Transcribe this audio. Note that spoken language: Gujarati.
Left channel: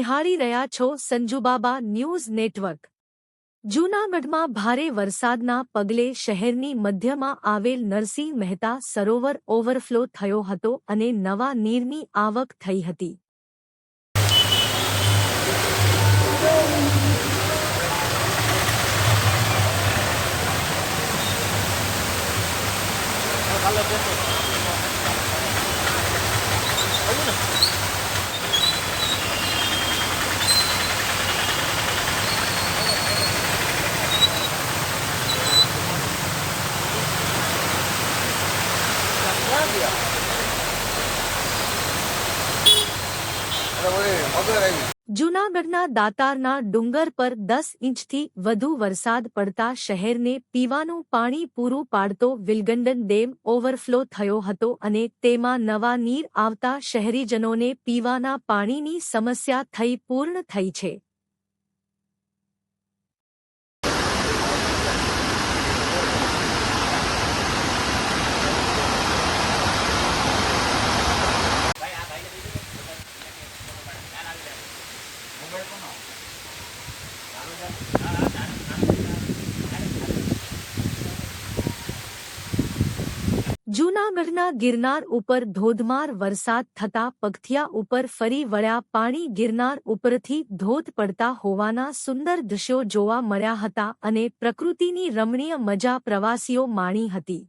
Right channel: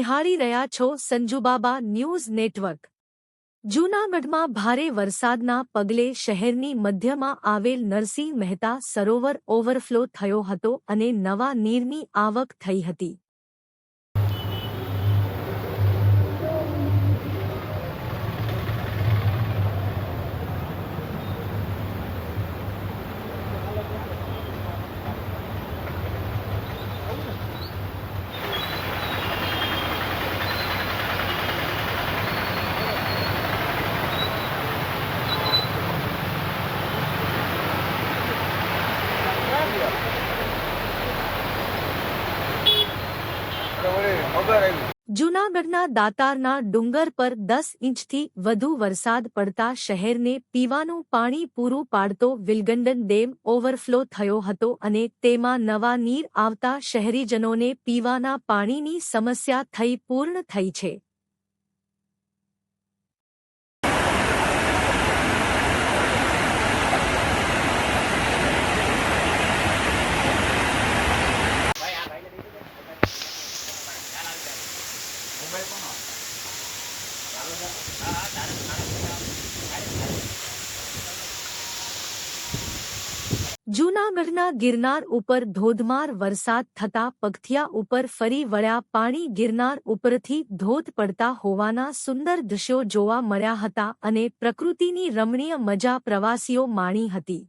નિહાળી રહ્યા છો સંજુબાબા ન્યૂઝ નેટવર્ક। જૂનાગઢમાં ભારે વરસાદના પગલે શહેરની મધ્યમાં આવેલ નરસિંહ મહેતા સરોવર ઓવરફ્લો થયો હતો અને નવા નીરની આવક થઈ હતી। જૂનાગઢના દાતારના ડુંગર પર 10 ઇંચથી વધુ વરસાદ પડતા શહેરને પીવાનું પાણી પૂરું પાડતો વિલગંડન ડેમ ઓવરફ્લો થયો હતો અને તેમાં નવા નીર આવતા શહેરીજનોને પીવાના પાણીની સમસ્યા થઈ પૂર્ણ થઈ છે। જૂનાગઢના ગિરનાર ઉપર ધોધમાર વરસાદ થતા પગથિયા ઉપર ફરી વળ્યા પાણી। ગિરનાર ઉપરથી ધોધ પડતા હોવાના સુંદર દૃશ્યો જોવા મળ્યા હતા અને પ્રકૃતિની રમણીય મજા પ્રવાસીઓ માણી હતી।